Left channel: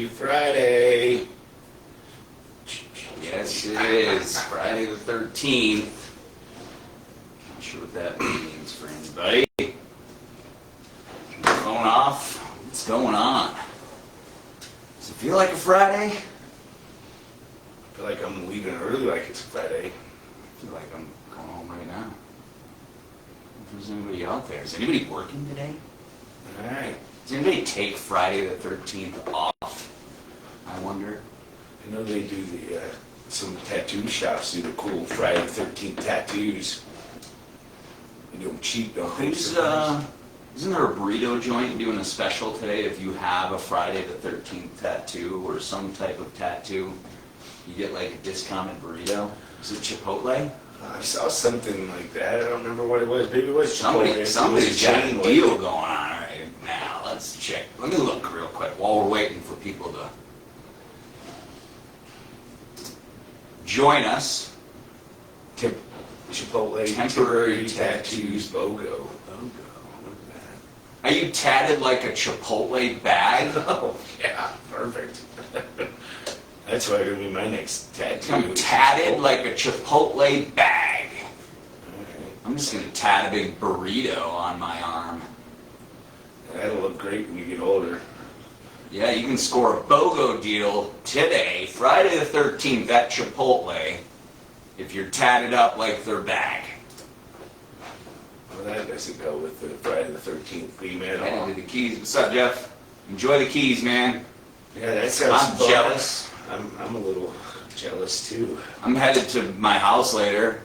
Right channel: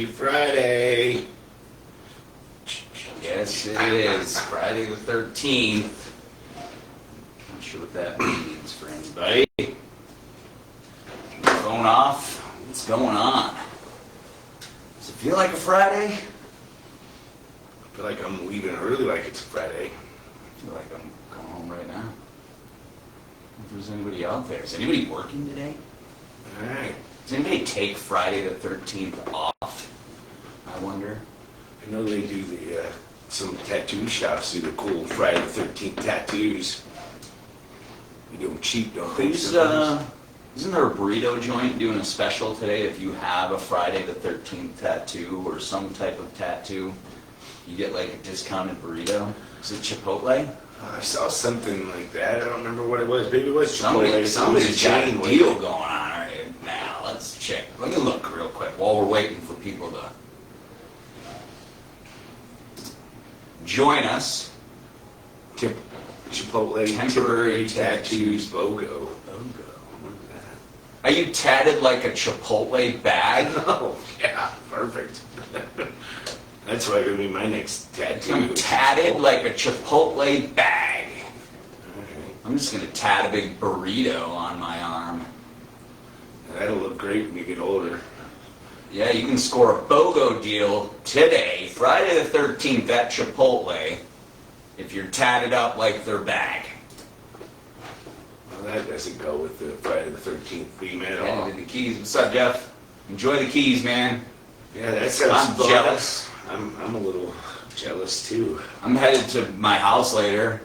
Happy Friday. Yes, it is. Friday the 13th. Not sure what that means for anybody. Phone off. What's going on? Does it feel like a Friday? I feel like I'm leaving early like it's Friday. I feel like I'm going home right now. If there's anybody out there. Is anybody working today? Alright. Does anybody take Friday the 13th off? I wonder. I know they do some tattoo shops do the cool Friday the 13th tattoos. They do them cheap, don't they? Isn't there a burrito joint doing a special today if you have a Friday the 13th tattoo or some type of tattoo? You get like a discounted burrito. Is it Chipotle? I saw something like that. I don't remember what it was. Maybe it was Chipotle. Somebody's got a deal going on right now. Let's check. Let me look real quick while we're waiting for people to join us. Chipotle Temporary tattoos BOGO. Are you tatted like a Chipotle bag? Oh, yeah, perfect. That's why it'll be my next tattoo. I'm tatted like a Chipotle bag. Okay. I'm just going to tat a big burrito on my arm. That'll look great when you get older. Yeah, you can score a BOGO deal today, Friday the 13th at Chipotle, if you're tatted up like their bag. Well, that doesn't go with the Friday the 13th theme at all. Heading to the Keys. What's up, Jeff? Enjoy the Keys, man. Yeah, that sounds I'm fun. jealous. I'm a little jealous too. I'm headed to my house later.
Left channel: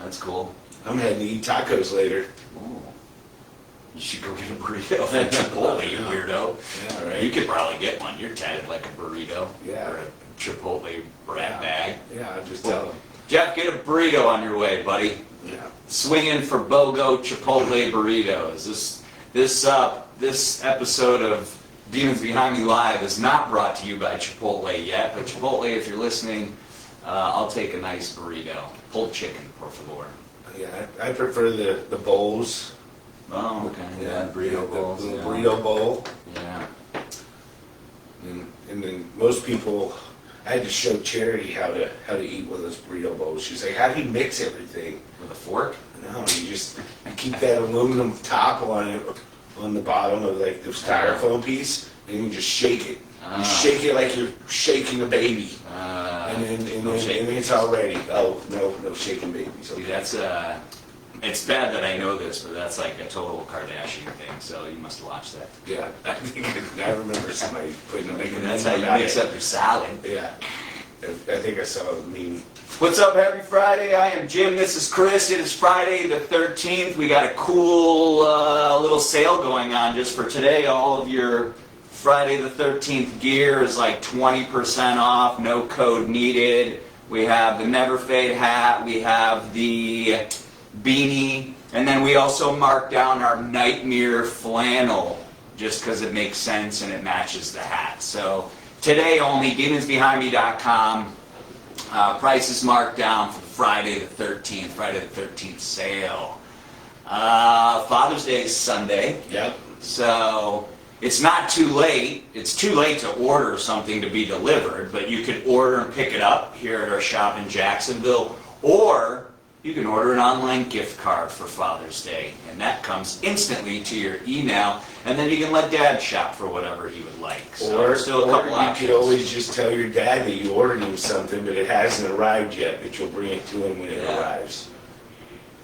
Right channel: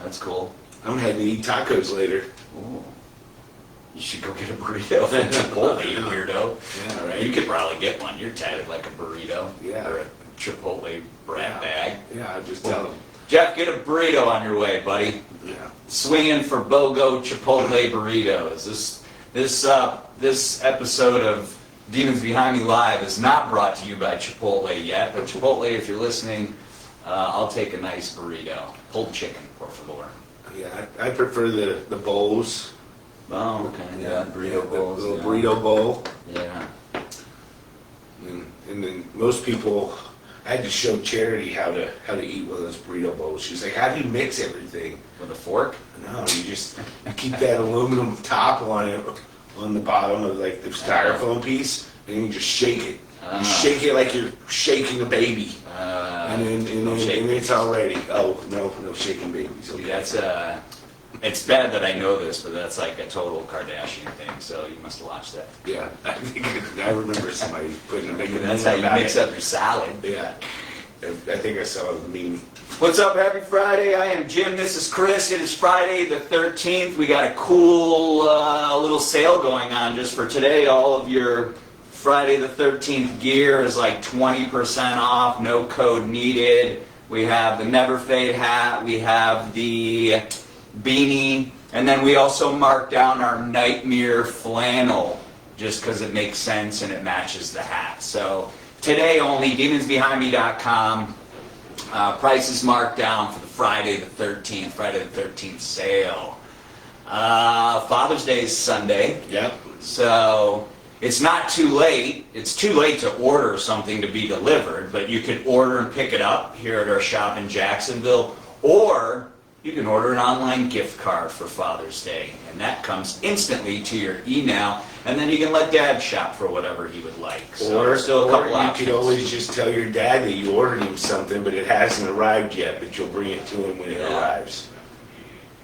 That's cool. I'm heading to eat tacos later. Ooh. You should go get a burrito from Chipotle, you weirdo. Yeah, All right. right. You could probably get one. You're tatted like a burrito. Yeah. Or a Chipotle brat bag. Yeah, I'll just tell them. Jeff, get a burrito on your way, buddy. Yeah. Swing in for BOGO Chipotle burritos. This episode of Demons Behind Me Live is not brought to you by Chipotle yet, but Chipotle, if you're listening, I'll take a nice burrito. Pulled chicken, por favor. Yeah, I prefer the bowls. Oh, okay. Yeah, burrito bowls. The little Yeah. burrito bowl. Yeah. And then most people, I had to show Charity how to eat one of those burrito bowls. She's like, how do you mix everything? With a fork? No, you keep that aluminum top on it, on the bottom of like the styrofoam piece, and you just shake it. You shake it like you're shaking a baby. And then it's all ready. Oh, no shaking babies. See, that's it's bad that I know this, but that's like a total Kardashian thing. So you must watch that. Yeah, I remember somebody putting a big. That's how you mix up your salad. Yeah, I think I saw a meme. What's up? Happy Friday. I am Jim. This is Chris. It is Friday the 13th. We got a cool little sale going on just for today. All of your Friday the 13th gear is like 20% off. No code needed. We have the Never Fade hat. We have the beanie. And then we also marked down our Nightmare flannel just because it makes sense and it matches the hat. So today only, demonsbehindme.com. Price is marked down for the Friday the 13th sale. Father's Day is Sunday. Yep. So it's not too late. It's too late to order something to be delivered, but you can order and pick it up here at our shop in Jacksonville, or you can order an online gift card for Father's Day, and that comes instantly to your email, and then you can let Dad shop for whatever he would like. So Or still a couple you options. could always just tell your dad that you ordered him something, but it hasn't arrived yet, but you'll bring it to him when it arrives.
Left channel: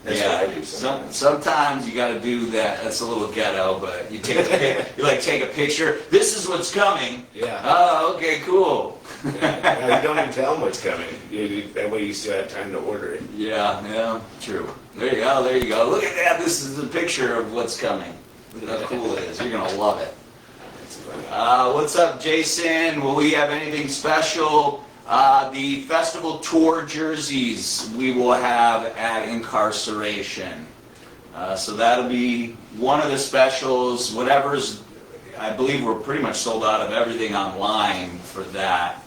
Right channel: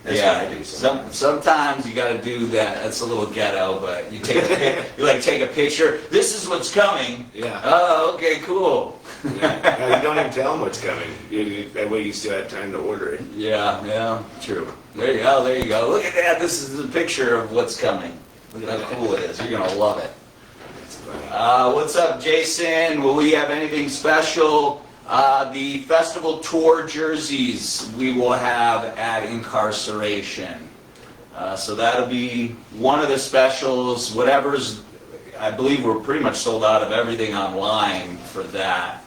That's what I do sometimes. Sometimes you got to do that. That's a little ghetto, but you take take a picture. This is what's coming. Yeah. Oh, okay, cool. Yeah, you don't even tell him what's coming. That way you still have time to order it. Yeah, true. There you go. Look at that. This is the picture of what's coming. Look at how cool it is. You're gonna love it. That's funny. What's up, Jason? Will we have anything special? The festival tour jerseys we will have at Incarceration. So that'll be one of the specials. Whatever's, I believe we're pretty much sold out of everything online for that.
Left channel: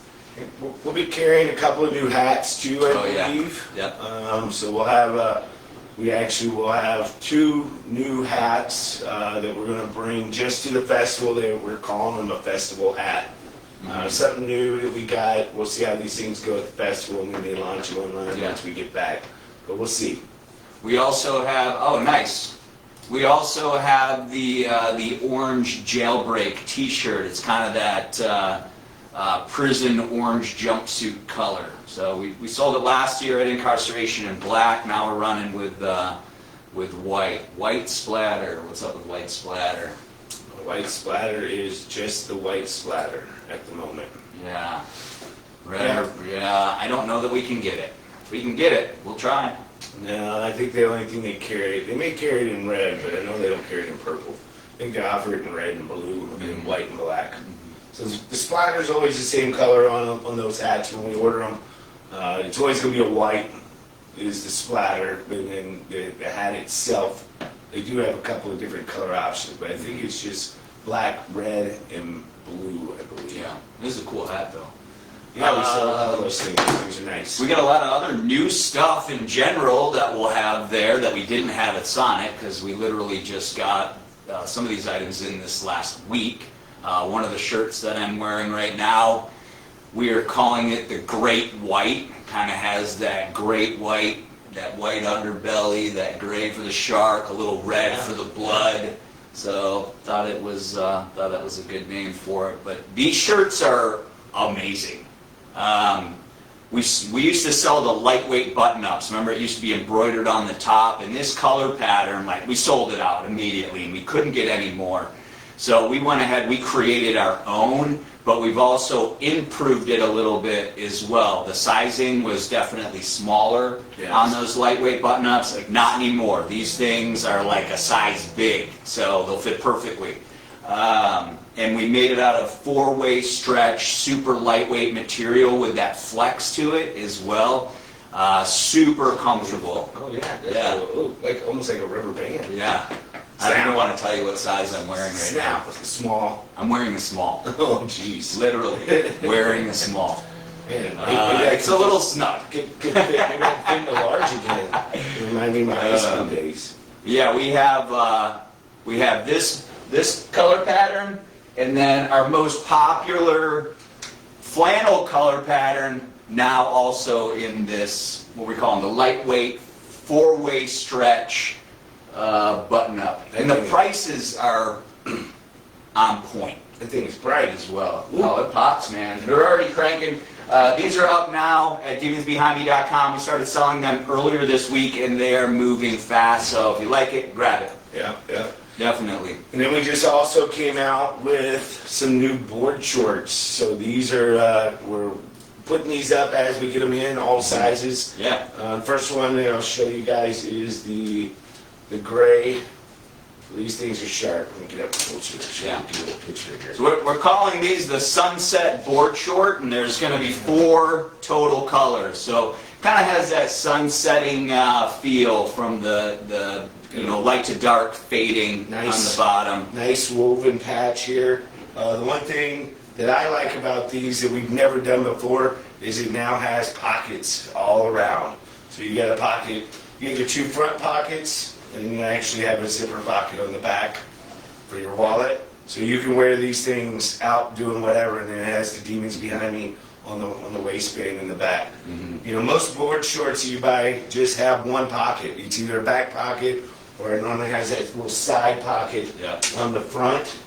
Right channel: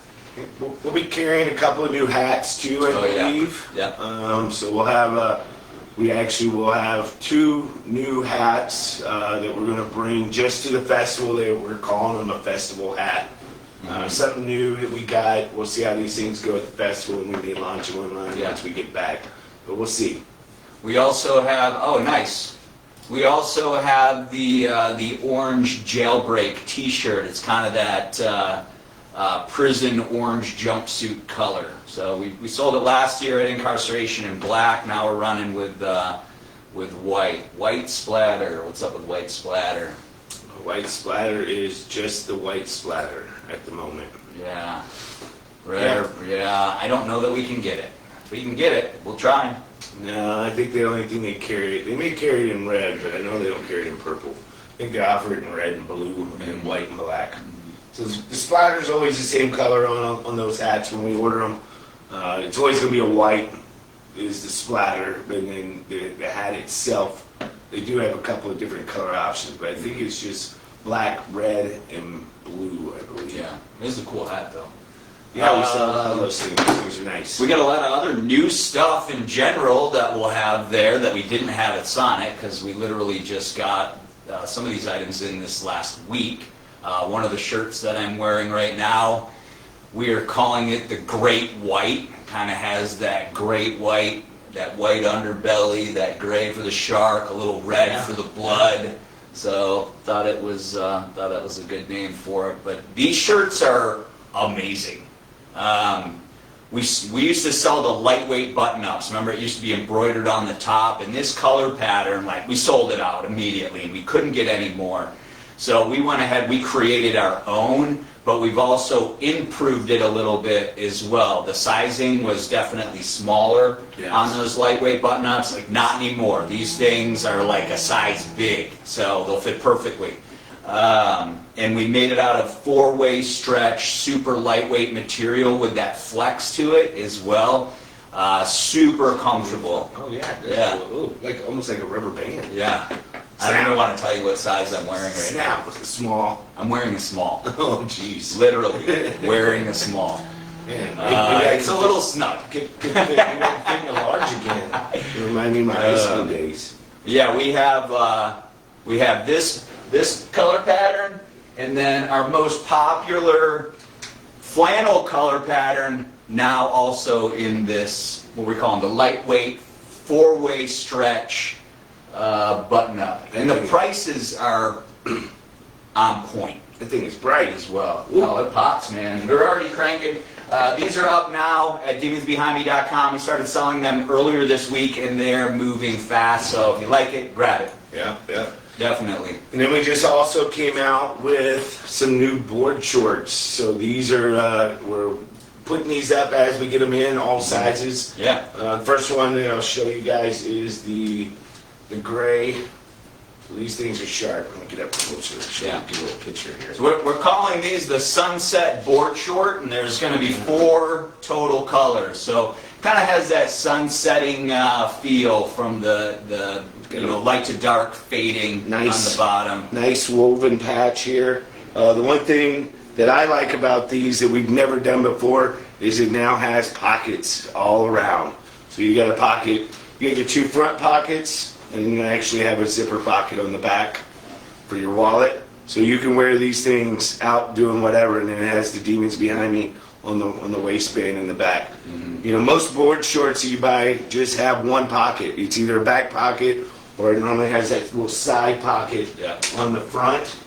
We'll be carrying a couple of new hats too, I believe. Yeah. So we'll have we actually will have 2 new hats that we're going to bring just to the festival. We're calling them a festival hat. Something new that we got. We'll see how these things go at the festival, and we may launch them online once we get back. But we'll see. We also have, oh nice. We also have the orange jailbreak t-shirt. It's kind of that prison orange jumpsuit color. So we sold it last year at Incarceration in black. Now we're running with white. White splatter. What's up with white splatter? White splatter is just the white splatter at the moment. Yeah. Yeah. I don't know that we can get it. If we can get it, we'll try. No, I think the only thing they may carry it in red, but I know they don't carry it in purple. I think they offer it in red and blue and white and black. So the splatter is always the same color on those hats when we order them. It's always going to be a white is the splatter, and then the hat itself, they do have a couple of different color options, but I think it's just black, red, and blue, I believe. Yeah, it is a cool hat though. Yeah, we sell a lot of those things. Those things are nice. We got a lot of other new stuff in general that we'll have there that we didn't have at Sonic because we literally just got some of these items in this last week. One of the shirts that I'm wearing right now, we are calling it the Great White. Kind of has that great white, that white underbelly, that gray for the shark, a little red for the blood. So thought that was a good name for it. But these shirts are amazing. We used to sell the lightweight button-ups. Remember, it used to be embroidered on the top, and this color pattern, like, we sold it out immediately, and we couldn't get any more. So we went ahead, we created our own, but we've also improved it a little bit as well. The sizing was definitely smaller on those lightweight button-ups. Like, not anymore. These things are like a size big, so they'll fit perfectly. And we made it out of four-way stretch, super lightweight material with that flex to it as well. Super comfortable. Oh yeah, Yeah. Cool. Like almost like a rubber band. Yeah. I don't even want to tell you what size I'm wearing right Snap. now. Small. I'm wearing a small. Oh jeez. Literally wearing a small. Man, It's a little snug. Get the large again. You remind me of my high school days. Yeah, we have this color pattern, and then our most popular flannel color pattern now also in this, what we call them, the lightweight four-way stretch button-up. And the prices are on point. The thing is bright as well. Oh, it pops, man. They're already cranking. These are up now at demonsbehindme.com. We started selling them earlier this week, and they're moving fast. So if you like it, grab it. Yeah, yeah. Definitely. And then we just also came out with some new board shorts. So these are, we're putting these up as we get them in, all sizes. Yeah. First one that I'll show you guys is the gray. These things are sharp. Let me get up closer and show you a little picture here. So we're calling these the Sunset Board Short, and there's going to be 4 total colors. So kind of has that sunsetting feel from the light to dark fading on the bottom. Nice woven patch here. The one thing that I like about these that we've never done before is it now has pockets all around. So you got a pocket, you get your 2 front pockets, and you actually have a zipper pocket on the back for your wallet. So you can wear these things out doing whatever, and then it has the Demons Behind Me on the waistband in the back. Mm-hmm. You know, most board shorts you buy just have one pocket. It's either a back pocket or it normally has that little side pocket on the front.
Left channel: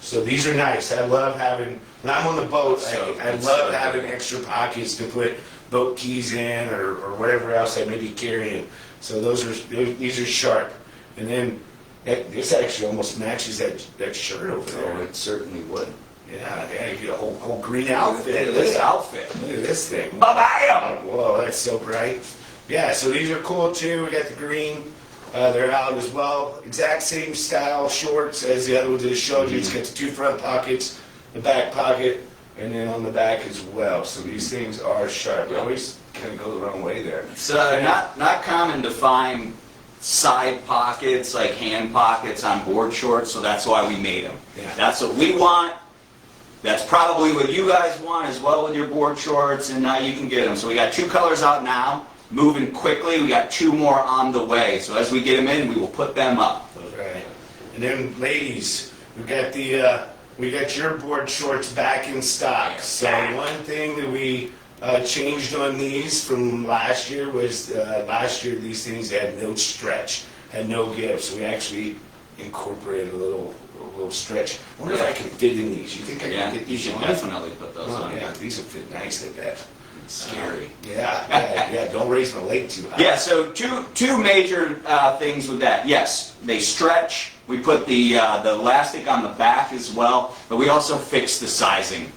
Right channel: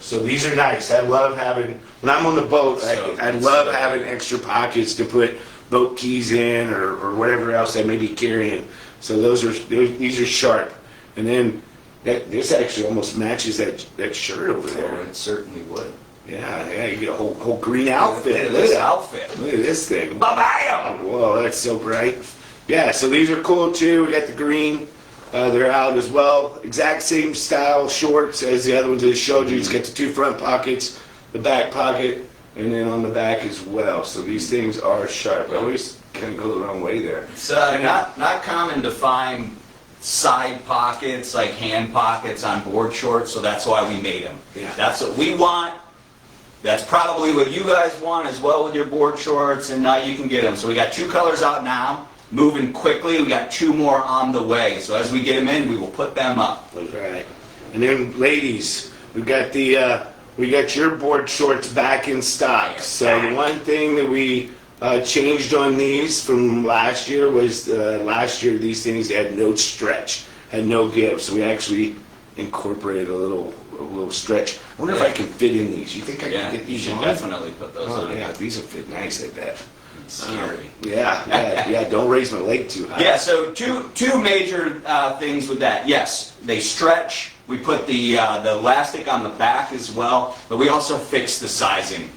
So these are nice. I love having, when I'm on the boat, I love having extra pockets to put boat keys in or whatever else I may be carrying. So these are sharp. And then this actually almost matches that shirt over there. Oh, it certainly would. Yeah, you get a whole green outfit. Look at this outfit. Look at this thing. Bam! Whoa, that's so bright. Yeah, so these are cool too. We got the green. They're out as well. Exact same style shorts as the other ones that I showed you. It's got the 2 front pockets, the back pocket, and then on the back as well. So these things are sharp. I always kind of go the wrong way there. It's not common to find side pockets, like hand pockets on board shorts, so that's why we made them. Yeah. That's what we want. That's probably what you guys want as well with your board shorts, and now you can get them. So we got 2 colors out now, moving quickly. We got 2 more on the way. So as we get them in, we will put them up. All right. And then ladies, we've got the we got your board shorts back in stock. So the one thing that we changed on these from last year was last year these things had no stretch, had no give. So we actually incorporated a little stretch. I wonder if I can fit in these. You think I can get you these should on? definitely put those Oh, on. yeah, these will fit nice like that. Scary. Yeah. Don't raise my leg too high. Yeah, so two major things with that. Yes, they stretch. We put the elastic on the back as well, but we also fixed the sizing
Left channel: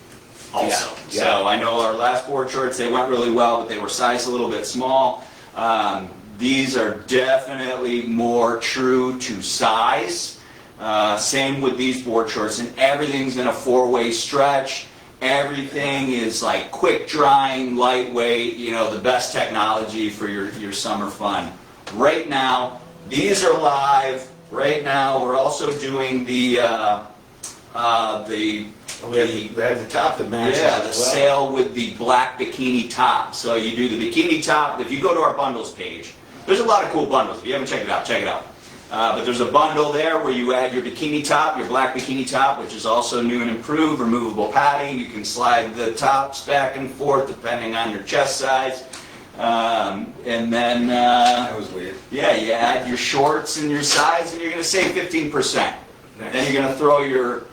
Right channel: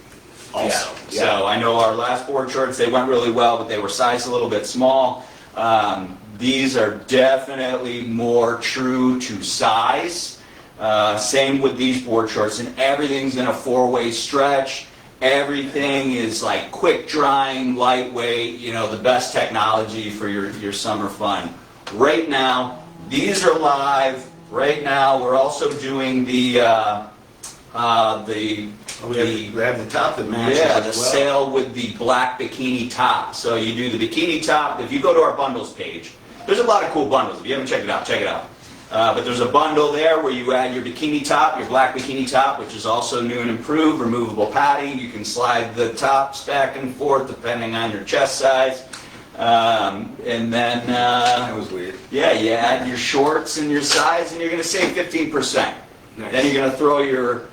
also. Yeah. So I know our last board shorts, they went really well, but they were sized a little bit small. These are definitely more true to size. Same with these board shorts, and everything's in a 4-way stretch. Everything is like quick drying, lightweight, the best technology for your summer fun. Right now, these are live. Right now, we're also doing We have the top that matches the as well. sale with the black bikini top. So you do the bikini top. If you go to our bundles page, there's a lot of cool bundles. If you haven't checked it out, check it out. But there's a bundle there where you add your bikini top, your black bikini top, which is also new and improved, removable padding. You can slide the tops back and forth depending on your chest size. And then, That was weird. yeah, you add your shorts and your size, and you're going to save 15%. Nice. Then you're going to throw your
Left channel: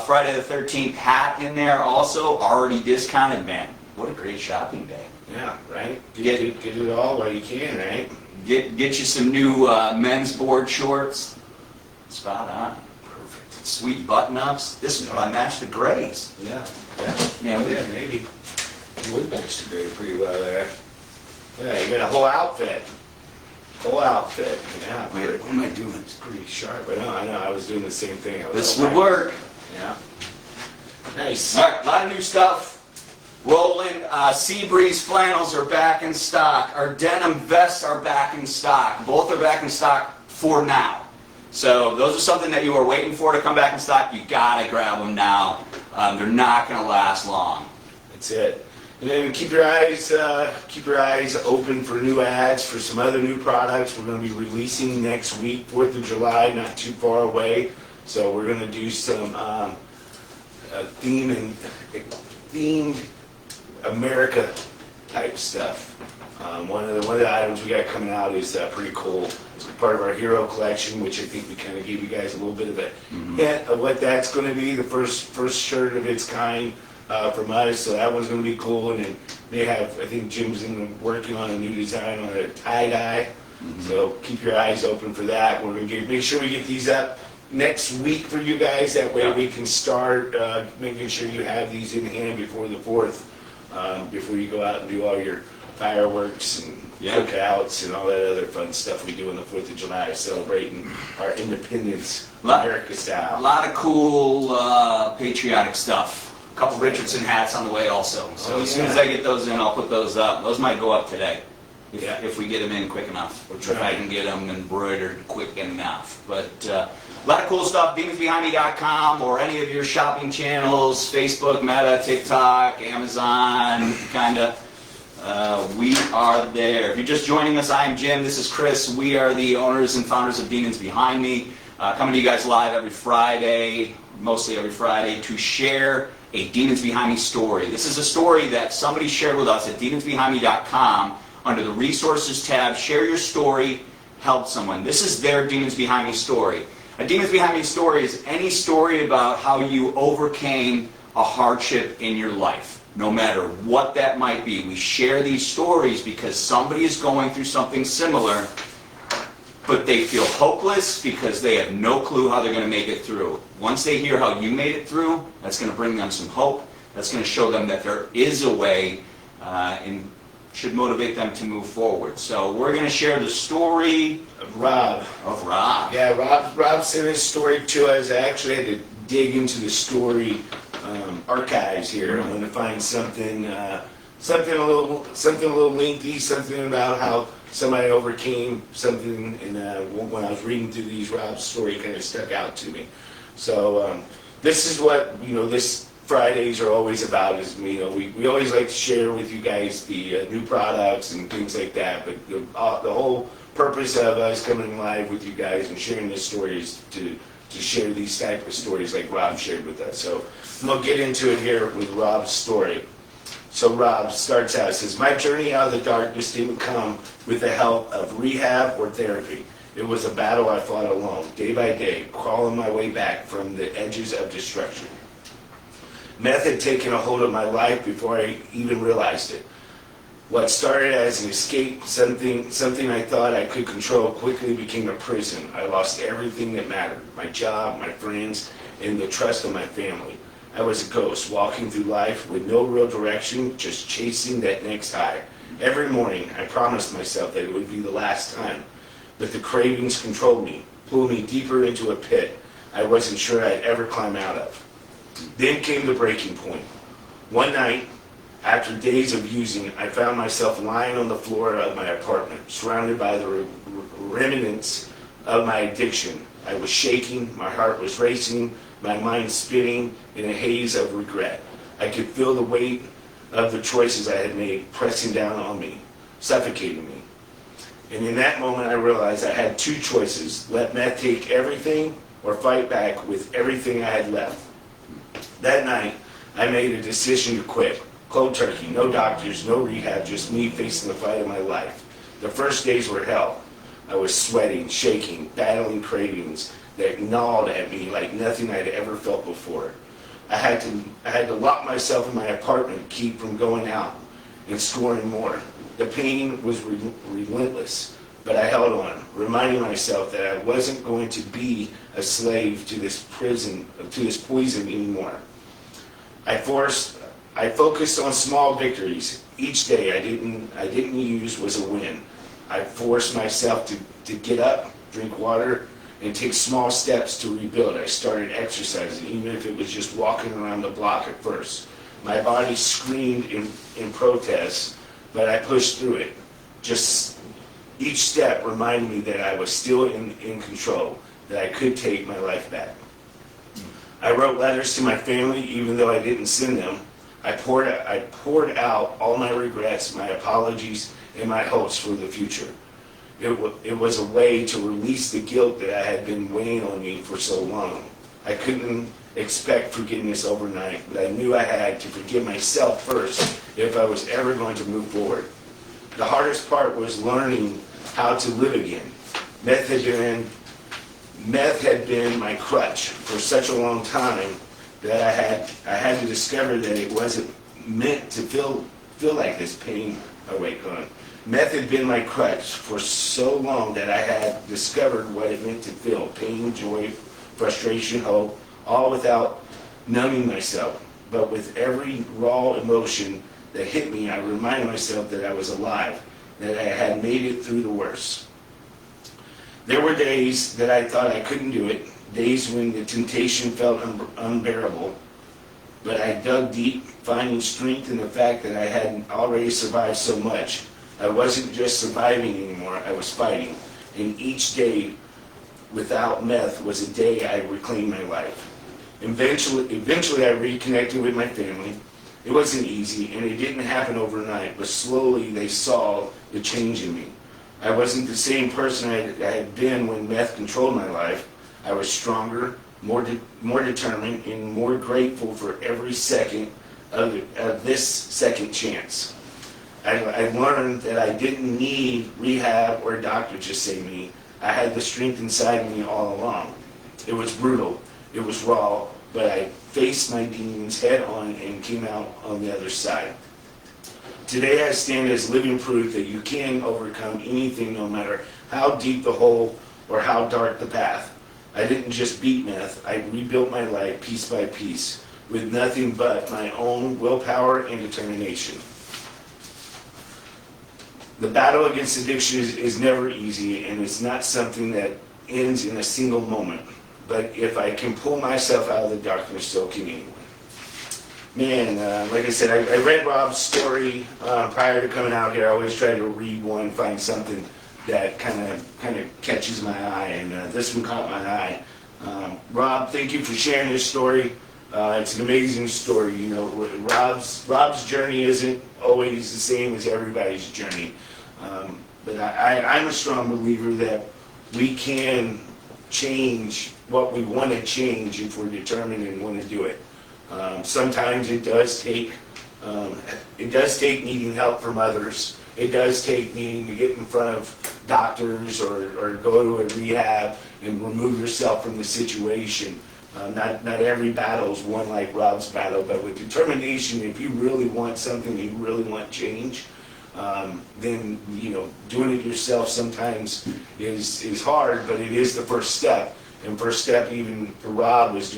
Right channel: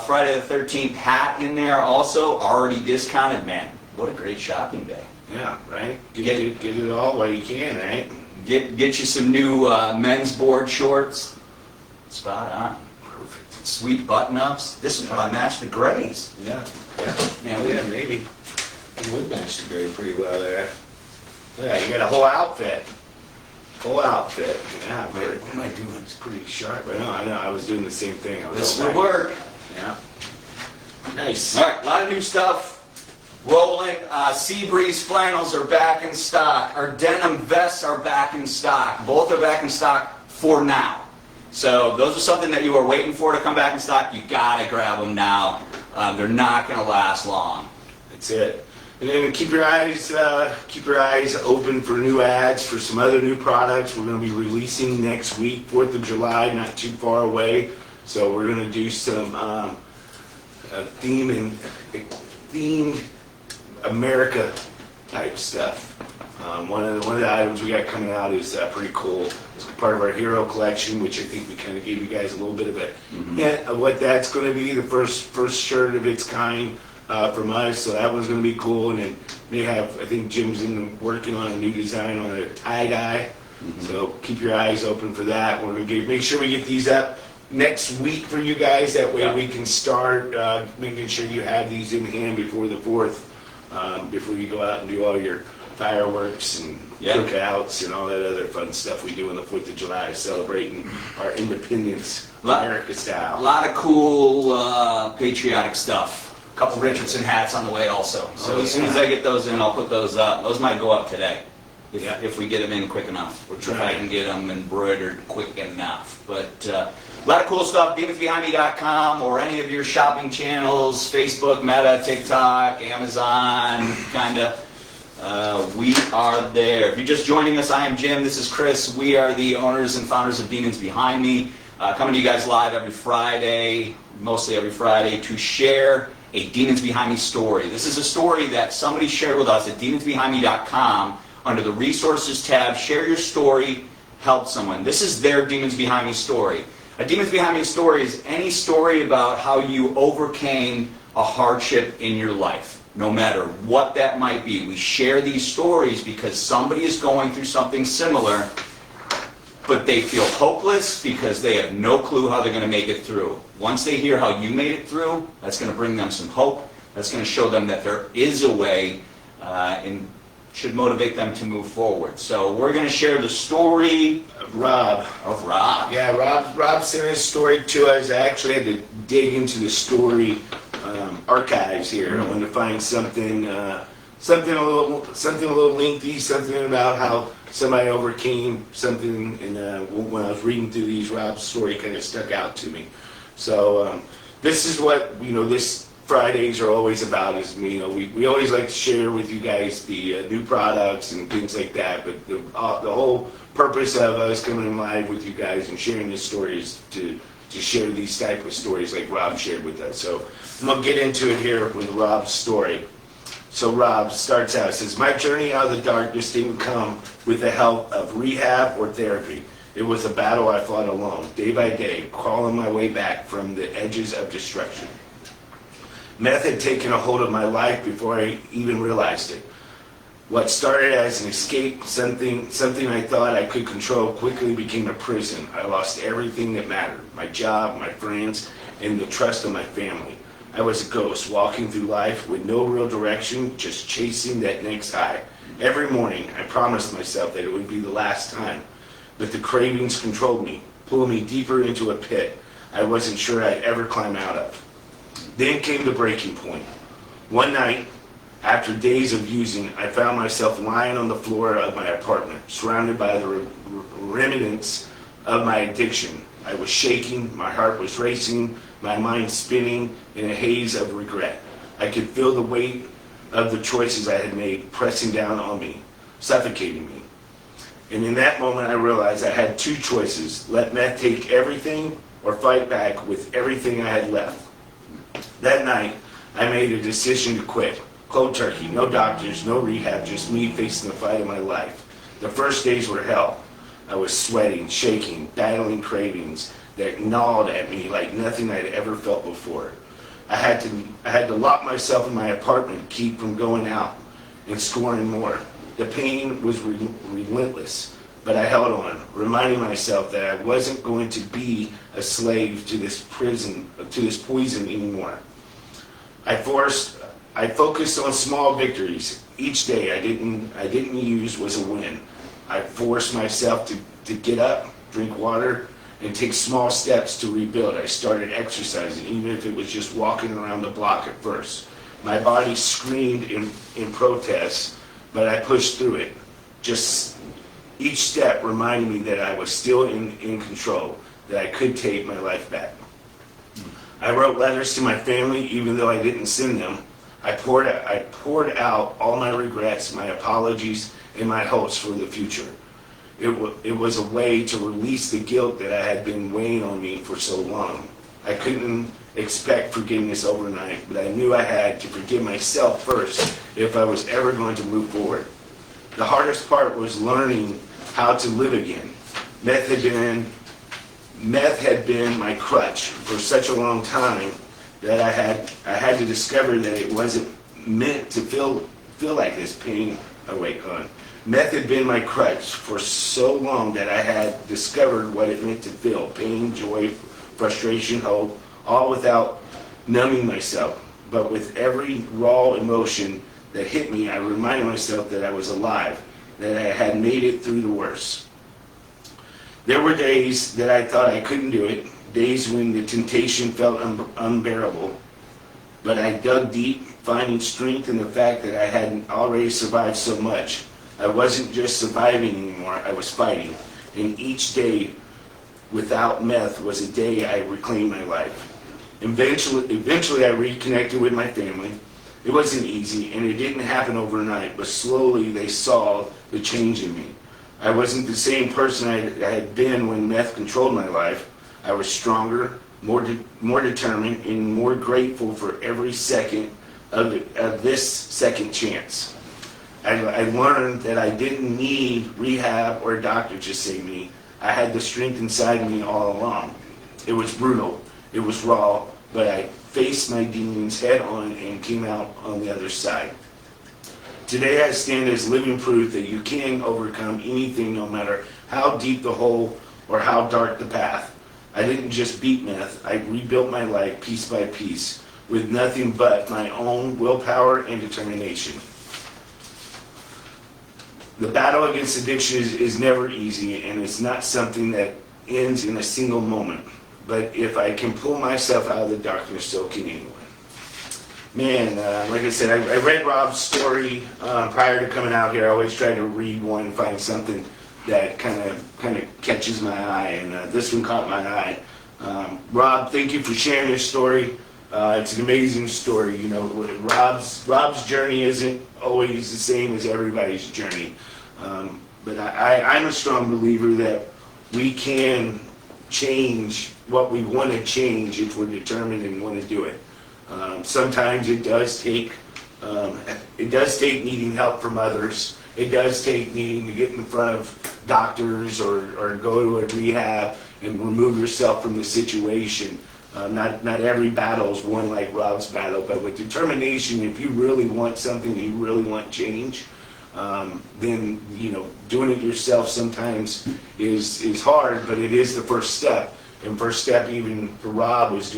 Friday the 13th hat in there, also already discounted. Man, what a great shopping day! Yeah, right? Get it all while you can, right? Get you some new men's board shorts. Spot on. Perfect. Sweet button-ups. This would probably match the grays. Yeah. Yeah, Maybe. It would match the grade pretty well there. Yeah, you got a whole outfit. Yeah, man, what am I doing? It's pretty sharp. I know. I was doing the same thing. This would work. Yeah. Nice. All right, a lot of new stuff. Rolling. Sea Breeze flannels are back in stock. Our denim vests are back in stock. Both are back in stock for now. So those are something that you are waiting for to come back in stock. You gotta grab them now. They're not gonna last long. That's it. And then keep your eyes open for new ads for some other new products. We're going to be releasing next week, 4th of July, not too far away. So we're going to do some themed America type stuff. One of the items we got coming out is pretty cool. It's part of our hero collection, which I think we kind of gave you guys a little bit of a hint of what that's going to be. The first shirt of its kind. From us, so that one's going to be cool. And then I think Jim's working on a new design on a tie-dye. So keep your eyes open for that. We're going to make sure we get these up next week for you guys. That way we can start making sure you have these in hand before the 4th, before you go out and do all your fireworks and cookouts and all that other fun stuff we do on the 4th of July, celebrating our independence, America style. A lot of cool patriotic stuff. A couple Richardson hats on the way also. So as soon as I get those in, I'll put those up. Those might go up today if we get them in quick enough. If I can get them embroidered quick enough. But a lot of cool stuff. DemonsBehindMe.com or any of your shopping channels, Facebook, Meta, TikTok, Amazon, kind of. We are there. If you're just joining us, I am Jim. This is Chris. We are the owners and founders of Demons Behind Me. Coming to you guys live every Friday, mostly every Friday, to share a Demons Behind Me story. This is a story that somebody shared with us at demonsbehindme.com under the resources tab. Share your story, help someone. This is their Demons Behind Me story. A Demons Behind Me story is any story about how you overcame a hardship in your life, no matter what that might be. We share these stories because somebody is going through something similar, but they feel hopeless because they have no clue how they're going to make it through. Once they hear how you made it through, that's going to bring them some hope. That's going to show them that there is a way and should motivate them to move forward. So we're going to share the story of Rob. Yeah, Rob sent his story to us. I actually had to dig into the story archives here. I wanted to find something a little lengthy, something about how somebody overcame something, and when I was reading through these, Rob's story kind of stuck out to me. So this is what this Fridays are always about. Is we always like to share with you guys the new products and things like that. But the whole purpose of us coming live with you guys and sharing this story is to to share these type of stories like Rob shared with us. So I'm going to get into it here with Rob's story. So Rob starts out, says, my journey out of the darkness didn't come with the help of rehab or therapy. It was a battle I fought alone, day by day, crawling my way back from the edges of destruction. Meth had taken a hold of my life before I even realized it. What started as an escape, something I thought I could control, quickly became a prison. I lost everything that mattered, my job, my friends, and the trust of my family. I was a ghost, walking through life with no real direction, just chasing that next high. Every morning, I promised myself that it would be the last time, but the cravings controlled me, pulled me deeper into a pit I wasn't sure I'd ever climb out of. Then came the breaking point. One night, after days of using, I found myself lying on the floor of my apartment, surrounded by the remnants of my addiction. I was shaking, my heart was racing, my mind spinning in a haze of regret. I could feel the weight of the choices I had made pressing down on me, suffocating me. And in that moment, I realized I had two choices: let meth take everything or fight back with everything I had left. That night, I made a decision to quit. Cold turkey, no doctors, no rehab, just me facing the fight of my life. The first days were hell. I was sweating, shaking, battling cravings that gnawed at me like nothing I'd ever felt before. I had to lock myself in my apartment to keep from going out and scoring more. The pain was relentless, but I held on, reminding myself that I wasn't going to be a slave to this poison anymore. I focused on small victories. Each day I didn't use was a win. I forced myself to get up, drink water, and take small steps to rebuild. I started exercising, even if it was just walking around the block at first. My body screamed in protest, but I pushed through it. Just each step reminded me that I was still in control, that I could take my life back. I wrote letters to my family, even though I didn't send them. I poured out all my regrets, my apologies, and my hopes for the future. It was a way to release the guilt that I had been weighing on me for so long. I couldn't expect forgiveness overnight, but I knew I had to forgive myself first if I was ever going to move forward. The hardest part was learning how to live again. Meth had been my crutch for such a long time that I had to discover that it wasn't meant to feel like this pain. Oh wait, hold on. Meth had been my crutch for so long that I had discovered what it meant to feel: pain, joy, frustration, hope, all without numbing myself. But with every raw emotion that hit me, I reminded myself that I was alive, that I had made it through the worst. There were days that I thought I couldn't do it, days when the temptation felt unbearable, but I dug deep, finding strength in the fact that I had already survived so much. I wasn't just surviving anymore, I was fighting. And each day without meth was a day I reclaimed my life. Eventually I reconnected with my family. It wasn't easy, and it didn't happen overnight, but slowly they saw the change in me. I wasn't the same person I had been when meth controlled my life. I was stronger, more determined, and more grateful for every second of this second chance. I learned that I didn't need rehab or a doctor to save me. I had the strength inside me all along. It was brutal, it was raw, but I faced my demons head on and came out on the other side. Today I stand as living proof that you can overcome anything, no matter how deep the hole or how dark the path. I didn't just beat meth, I rebuilt my life piece by piece with nothing but my own willpower and determination. The battle against addiction is never easy, and it's not something that ends in a single moment. But if I can pull myself out of the darkness, so can anyone. Man, like I said, I read Rob's story prior to coming out here. I always try to read one, find something that kind of catches my eye, and this one caught my eye. Rob, thank you for sharing your story. It's an amazing story. You know, Rob's journey isn't always the same as everybody's journey, but I'm a strong believer that we can change what we want to change if we're determined and want to do it. Sometimes it does take needing help from others. It does take needing to get in front of doctors or go to a rehab and remove yourself from the situation. Not every battle is won like Rob's battle, but with determination, if you really want something, you really want change, then doing it yourself sometimes is hard, but it is the first step. And first step, even for Rob, was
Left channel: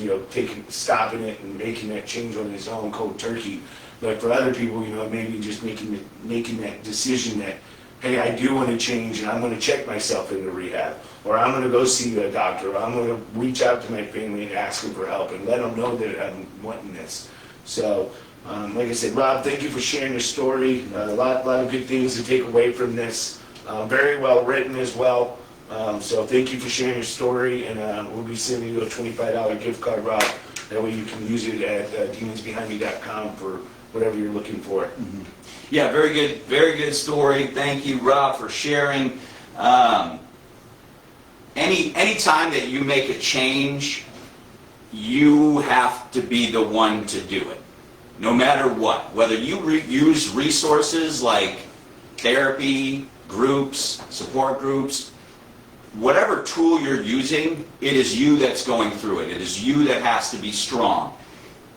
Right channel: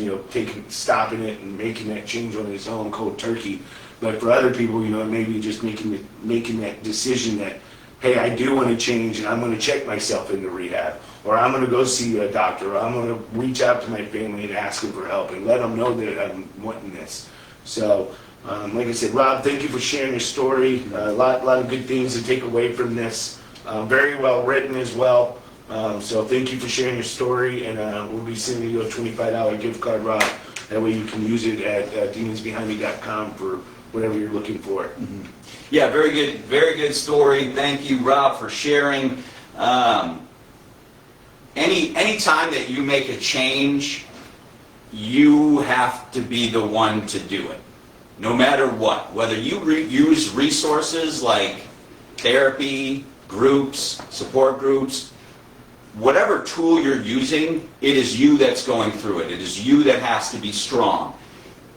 stopping it and making that change on his own, cold turkey. But for other people, maybe just making that decision that, hey, I do want to change, and I'm going to check myself into rehab, or I'm going to go see a doctor, or I'm going to reach out to my family and ask them for help and let them know that I'm wanting this. So, like I said, Rob, thank you for sharing your story. A lot of good things to take away from this. Very well written as well. So thank you for sharing your story, and we'll be sending you a $25 gift card, Rob. That way you can use it at demonsbehindme.com for whatever you're looking for. Mm-hmm. Yeah, very good story. Thank you, Rob, for sharing. Any time that you make a change, you have to be the one to do it, no matter what. Whether you use resources like therapy, groups, support groups, whatever tool you're using, it is you that's going through it. It is you that has to be strong.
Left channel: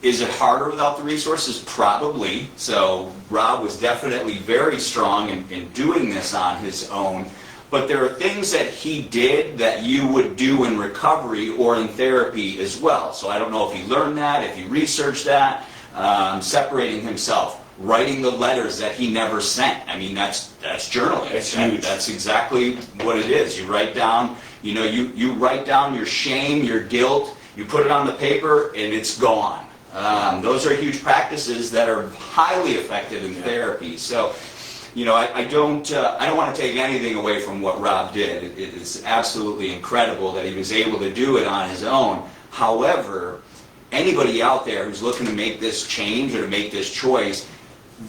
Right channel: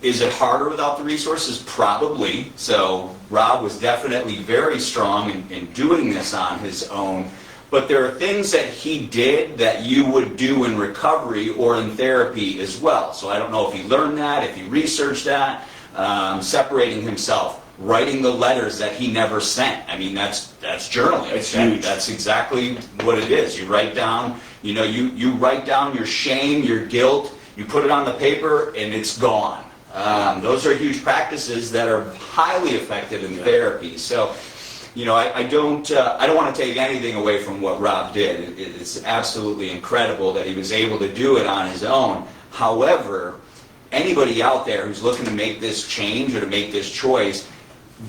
Is it harder without the resources? Probably. So Rob was definitely very strong in doing this on his own. But there are things that he did that you would do in recovery or in therapy as well. So I don't know if he learned that, if he researched that, separating himself, writing the letters that he never sent. I mean, that's journaling. That's huge. That's exactly what it is. You write down, you write down your shame, your guilt, you put it on the paper, and it's gone. Those are huge practices that are highly effective in therapy. So, I don't want to take anything away from what Rob did. It's absolutely incredible that he was able to do it on his own. However, anybody out there who's looking to make this change or to make this choice,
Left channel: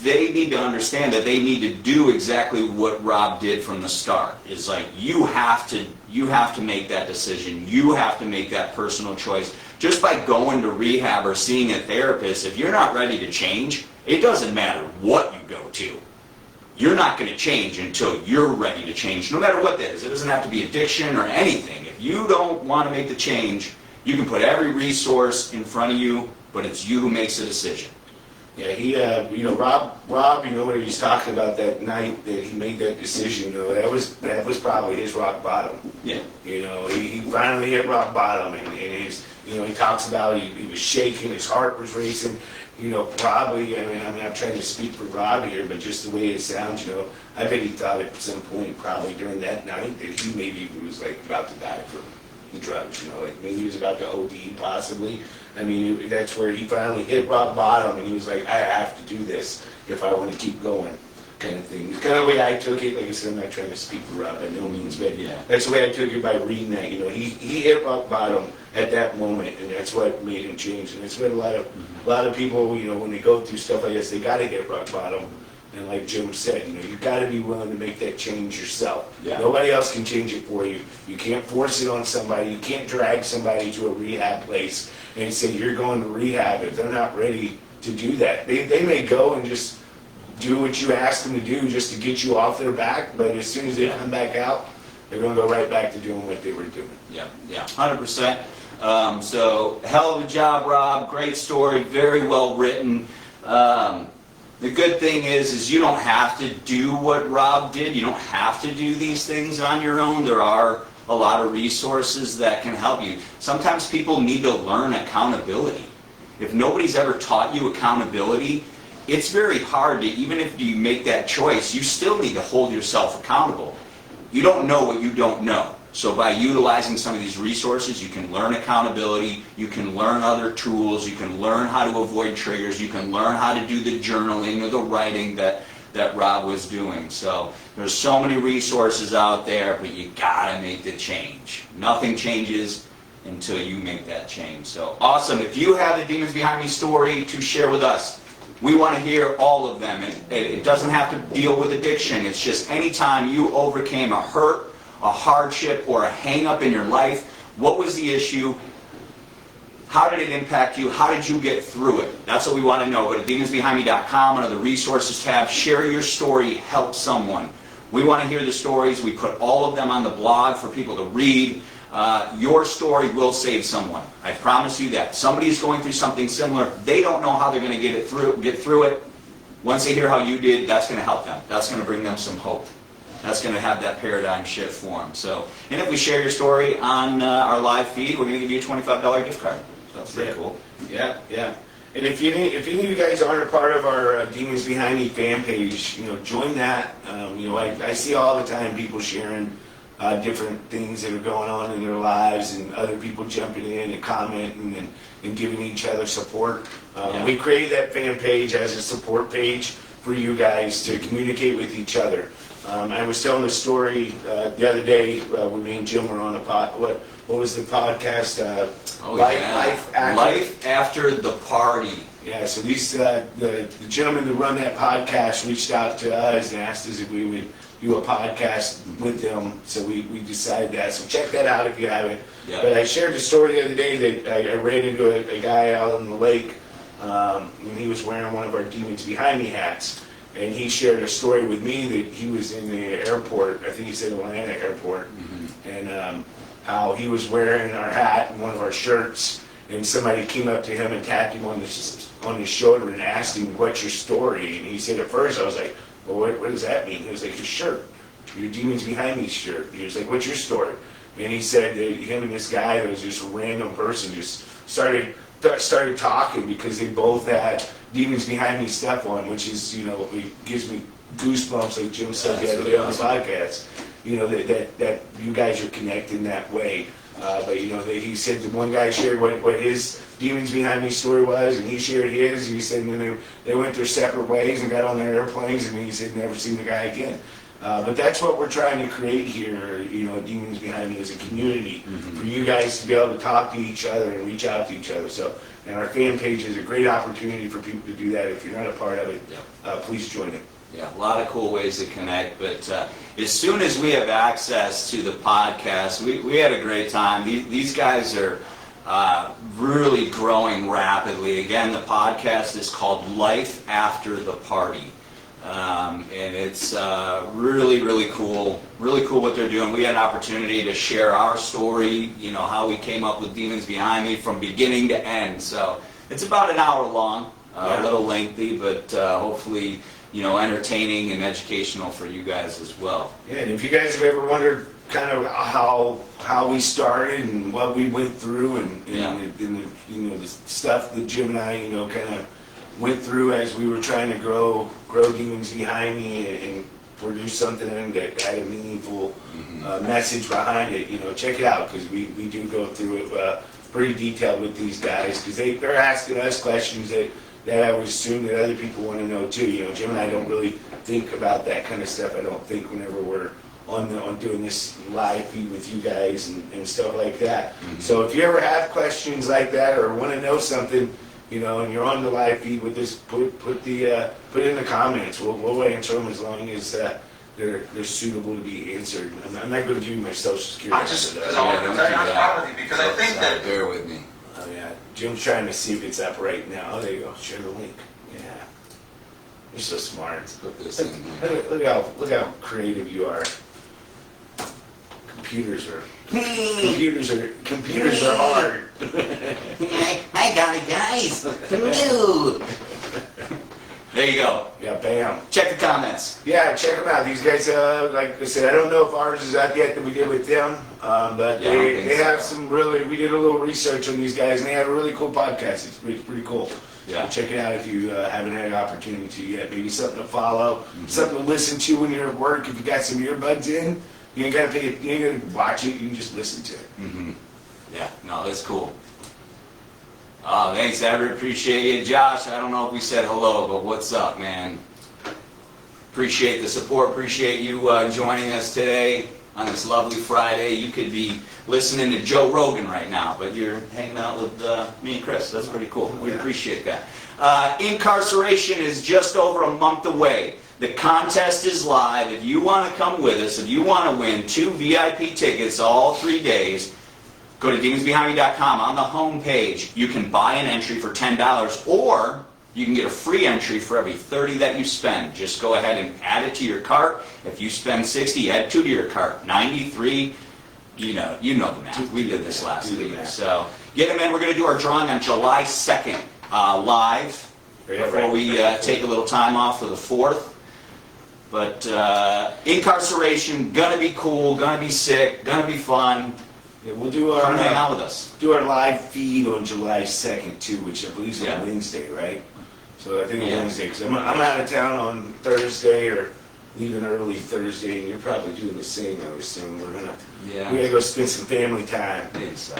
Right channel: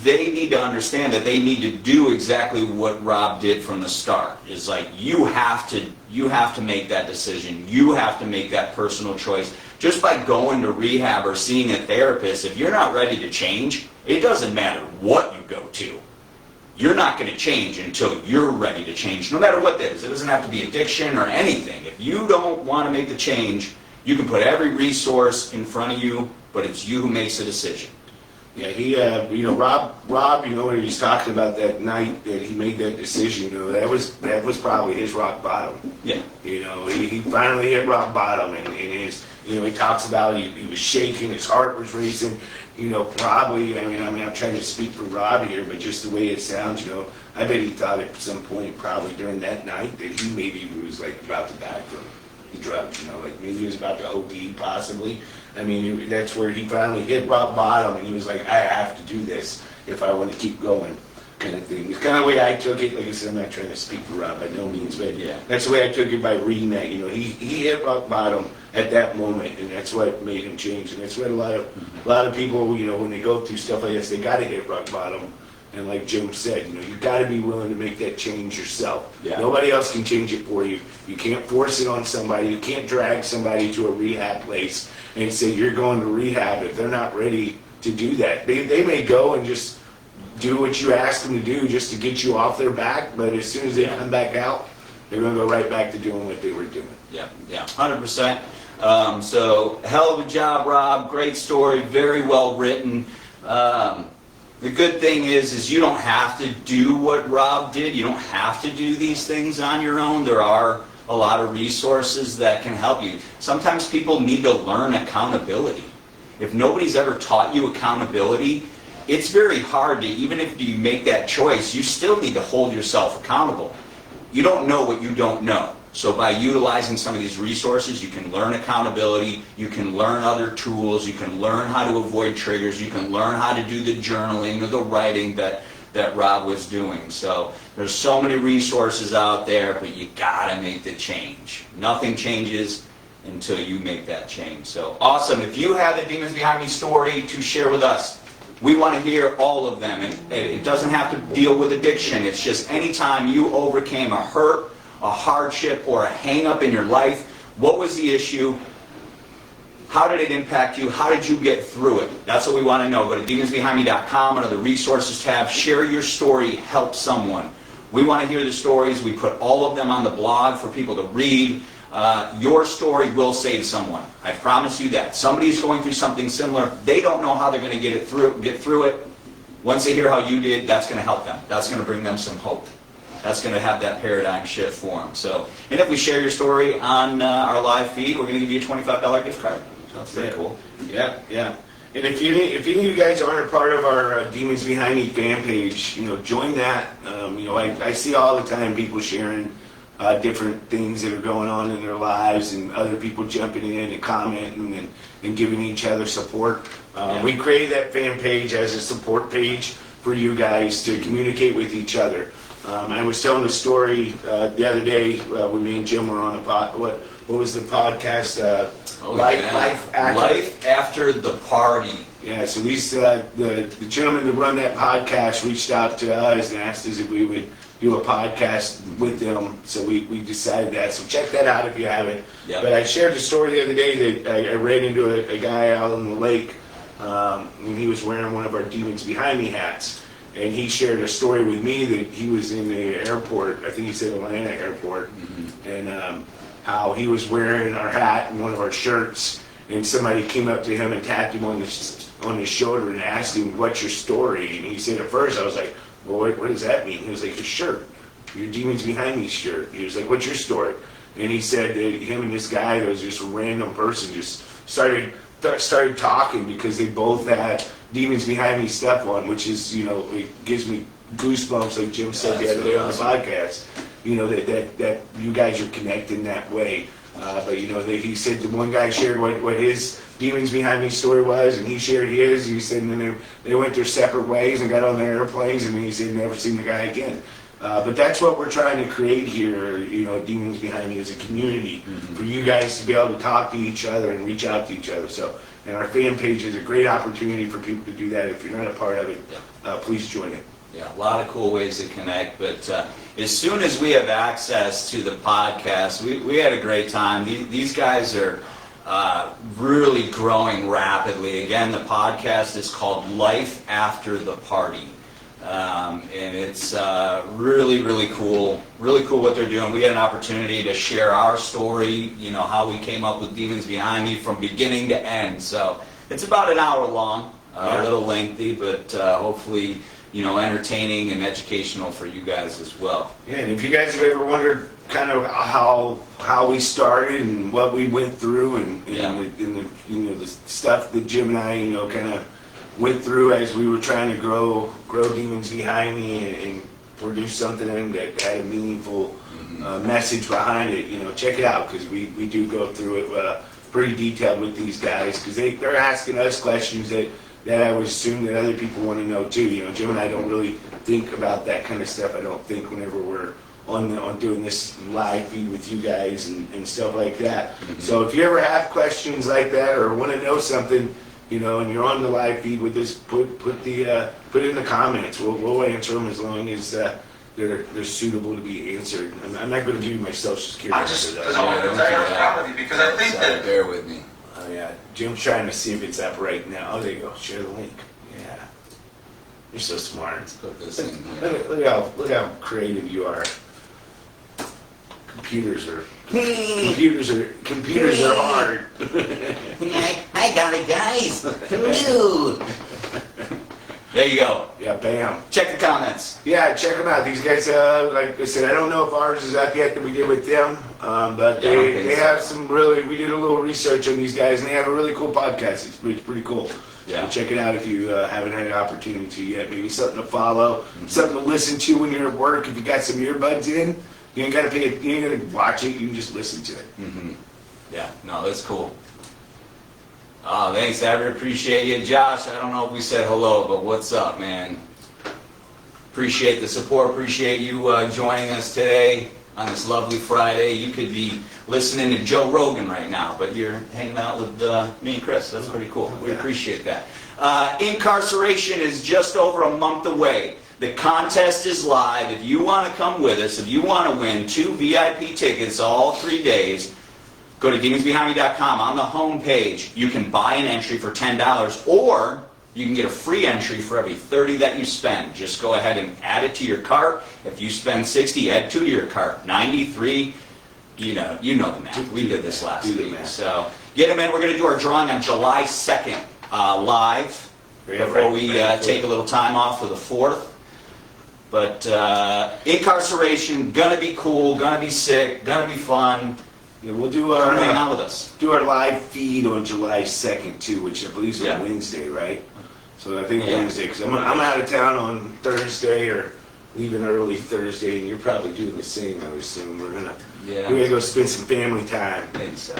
they need to understand that they need to do exactly what Rob did from the start. Is like you have to make that decision. You have to make that personal choice. Just by going to rehab or seeing a therapist, if you're not ready to change, it doesn't matter what you go to. You're not going to change until you're ready to change, no matter what that is. It doesn't have to be addiction or anything. If you don't want to make the change, you can put every resource in front of you, but it's you who makes the decision. Yeah, he, Rob, when he's talking about that night that he made that decision, that was probably his rock bottom. Yeah. He finally hit rock bottom, and his, he talks about he was shaking, his heart was racing. Probably, I'm not trying to speak for Rob here, but just the way it sounds, I bet he thought at some point, probably during that night, that he maybe was like about to die from the drugs, like maybe he was about to OD possibly. I mean, that's where he finally hit rock bottom, and he was like, I have to do this if I want to keep going, kind of thing. It's kind of the way I took it. Like I said, I'm not trying to speak for Rob by no means, but that's the way I took it by reading that. He hit rock bottom at that moment, and that's what made him change. And that's what a lot of people, when they go through stuff like this, they got to hit rock bottom. And like Jim said, you've got to be willing to make that change yourself. Yeah. Nobody else can change it for you. You can't force it on somebody. You can't drag somebody to a rehab place and say you're going to rehab if they're not ready to do that. They may go and just do what you ask them to do just to get you off their back, but as soon as they come back out, they're going to go right back to doing what they were doing. Yeah, 100%. So, hell of a job, Rob. Great story. Very well written. The good thing is you don't have to do what Rob did. You don't have to do these things on your own. There are a lot of resources that can help you. Sometimes people need to learn accountability. If nobody's ever taught you accountability, it's very hard to, even if you make that choice, you still need to hold yourself accountable. You don't know what you don't know. So by utilizing some of these resources, you can learn accountability, you can learn other tools, you can learn how to avoid triggers, you can learn how to do the journaling or the writing that Rob was doing. So there's so many resources out there, but you gotta make the change. Nothing changes until you make that change. So awesome. If you have a Demons Behind Me story to share with us, we want to hear all of them. And it doesn't have to deal with addiction. It's just anytime you overcame a hurt, a hardship, or a hang-up in your life, What was the issue? How did it impact you? How did you get through it? That's what we want to know. Go to demonsbehindme.com under the resources tab. Share your story. Help someone. We want to hear the stories. We put all of them on the blog for people to read. Your story will save someone. I promise you that. Somebody's going through something similar. They don't know how they're going to get through it. Once they hear how you did, that's going to help them. That's going to bring them some hope. That's going to have that paradigm shift for them. So, and if we share your story on our live feed, we're going to give you a $25 gift card. So that's pretty cool. Yeah, yeah. And if any of you guys aren't a part of our Demons Behind Me fan page, join that. I see all the time people sharing different things that are going on in their lives, and other people jumping in and commenting and giving each other support. We created that fan page as a support page for you guys to communicate with each other. I was telling a story the other day when me and Jim were on a what was the podcast? Life After the Party. Yeah, so these the gentlemen that run that podcast reached out to us and asked us if we would do a podcast with them. So we decided that. So check that out if you haven't. Yep. But I shared the story the other day that I ran into a guy out on the lake, and he was wearing one of our Demons Behind Me hats. And he shared a story with me that he was in the airport, I think he said Atlanta airport, and how he was wearing our hat and one of our shirts, and somebody came up to him and tapped him on his shoulder and asked him, "What's your story?" And he said, at first I was like, "Well, what does that mean?" He was like, "Your shirt, your Demons Behind Me shirt." He was like, "What's your story?" And he said that him and this guy, that was just a random person, just started talking because they both had Demons Behind Me stuff on, which is, it gives me goosebumps, like Jim said the other day on the podcast. That you guys are connecting that way. But he said the one guy shared what his Demons Behind Me story was, and he shared his. He said, and then they went their separate ways and got on their airplanes, and he said never seen the guy again. But that's what we're trying to create here, Demons Behind Me as a community, for you guys to be able to talk to each other and reach out to each other. So, and our fan page is a great opportunity for people to do that. If you're not a part of it, please join it. Yeah, a lot of cool ways to connect. But as soon as we have access to the podcast, we had a great time. These guys are really growing rapidly. Again, the podcast is called Life After the Party. And it's really, really cool. Really cool what they're doing. We had an opportunity to share our story, how we came up with Demons Behind Me from beginning to end. So it's about an hour long, a little lengthy, but hopefully, entertaining and educational for you guys as well. Yeah, and if you guys have ever wondered kind of how we started and what we went through and the stuff that Jim and I, kind of went through as we were trying to grow Demons Behind Me and produce something that had a meaningful message behind it. Check it out, because we do go through it pretty detailed with these guys, because they're asking us questions that I would assume that other people want to know too. Jim and I don't really think about that kind of stuff. I don't think whenever we're on doing this live feed with you guys and stuff like that. So if you ever have questions like that or want to know something, and you're on the live feed with us, put it in the comments. We'll answer them as long as they're suitable to be answered. I'm not going to give you my social security number though. Yeah, don't do that. Bear with me. Oh yeah, Jim's trying to see if it's up right now. Oh, there you go. Share the link. Yeah, you're so smart. Put this in here. Look how creative you are. Computers are hard. I got it, guys. Hello. There you go. Yeah, bam. Check the comments. Yeah, check them out. These guys, like I said, I don't know if ours is up yet that we did with them, but they have some really, we did a little research on these guys, and they have a really cool podcast. It's pretty cool. Yeah. So check it out if you haven't had an opportunity to yet. Maybe something to follow, something to listen to when you're at work. If you got some earbuds in, you ain't got to watch it. You can just listen to it. Yeah, no, that's cool. Oh, thanks, Everett. Appreciate you. Josh, I don't know if we said hello, but what's up, man? Appreciate the support. Appreciate you joining us today on this lovely Friday. You could be listening to Joe Rogan right now, but you're hanging out with me and Chris. That's pretty cool. We appreciate that. Incarceration is just over a month away. The contest is live. If you want to come with us, if you want to win 2 VIP tickets all 3 days, Go to demonsbehind.com. On the home page, you can buy an entry for $10, or you can get a free entry for every 30 that you spend. Just go ahead and add it to your cart. If you spend 60, add 2 to your cart. 93, you know the math. We did this last week. So get them in. We're going to do our drawing on July 2nd live before we take a little time off for the 4th. But incarceration, gonna be cool, gonna be sick, gonna be fun. Yeah, we'll do Come hang our out with us. live feed on July 2nd too, which I believe is on Wednesday, right? So I think Wednesday, because I'm out of town on Thursday or leaving early Thursday, and you're probably doing the same. I would assume we're gonna go spend some family time. Maybe so.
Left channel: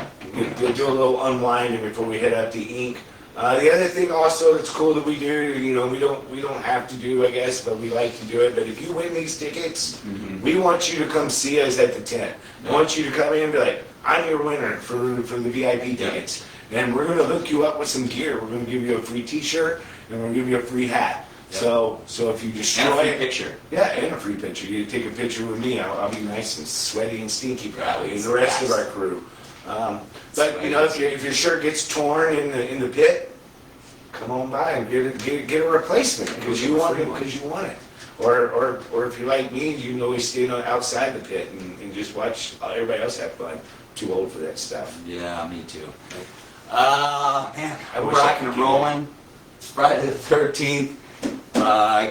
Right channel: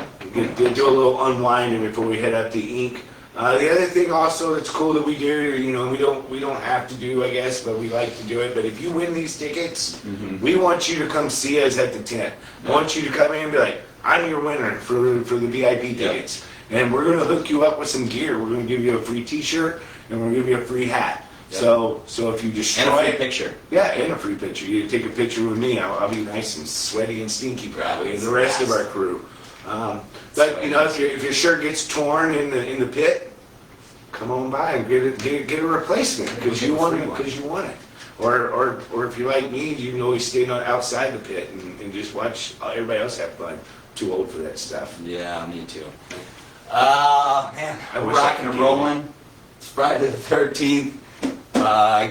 Do a little unwinding before we head out to ink. The other thing also that's cool that we do, we don't have to do, I guess, but we like to do it. But if you win these tickets, we want you to come see us at the tent. I want you to come in and be like, I'm your winner for the VIP tickets. And we're going to hook you up with some gear. We're going to give you a free t-shirt, and we're going to give you a free hat. Yep. So if you destroy and a free picture. Yeah, and a free picture. You take a picture with me. I'll be nice and sweaty and stinky probably, and the rest of our crew. But if your shirt gets torn in the pit, come on by and get a replacement because you want it. Or if you're like me, you can always stay outside the pit and just watch everybody else have fun. Too old for that stuff. Yeah, me too. Man, we're rocking and rolling. It's Friday the 13th.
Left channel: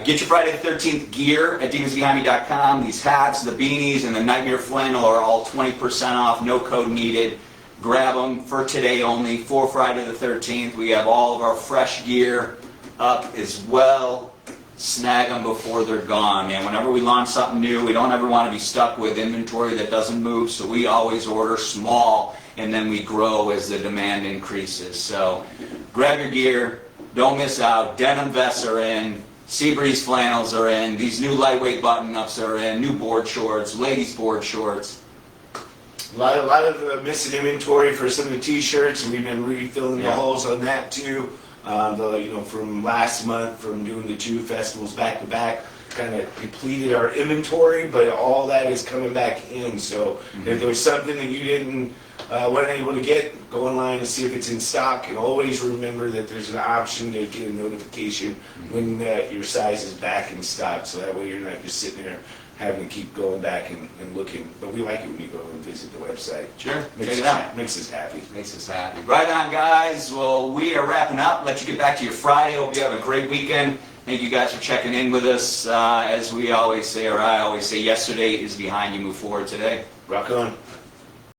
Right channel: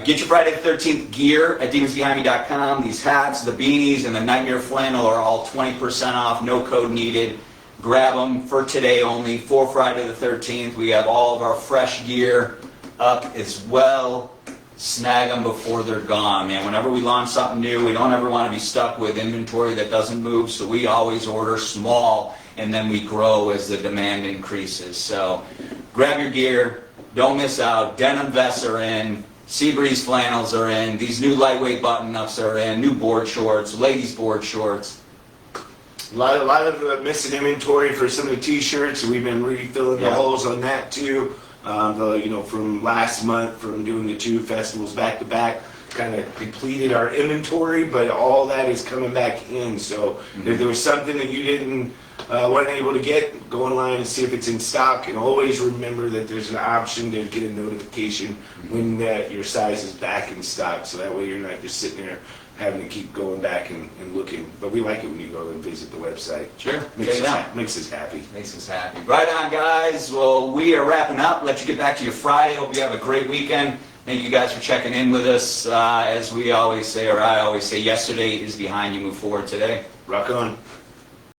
Get your Friday the 13th gear at demonsbehindme.com. These hats, the beanies, and the Nightmare Flannel are all 20% off. No code needed. Grab them for today only, for Friday the 13th. We have all of our fresh gear up as well. Snag them before they're gone, man. Whenever we launch something new, we don't ever want to be stuck with inventory that doesn't move, so we always order small, and then we grow as the demand increases. So grab your gear. Don't miss out. Denim vests are in. Seabreeze flannels are in. These new lightweight button-ups are in. New board shorts, ladies' board shorts. A lot of missing inventory for some of the t-shirts. We've been refilling the holes on that too. From last month, from doing the 2 festivals back to back, kind of depleted our inventory, but all that is coming back in. So if there was something that you didn't weren't able to get, go online and see if it's in stock. And always remember that there's an option to get a notification when your size is back in stock. So that way you're not just sitting there having to keep going back and looking. But we like it when you go and visit the website. Sure. Makes us happy. Makes us happy. Right on, guys. Well, we are wrapping up. Let you get back to your Friday. Hope you have a great weekend. Thank you guys for checking in with us. As we always say, or I always say, yesterday is behind you. Move forward today. Rock on.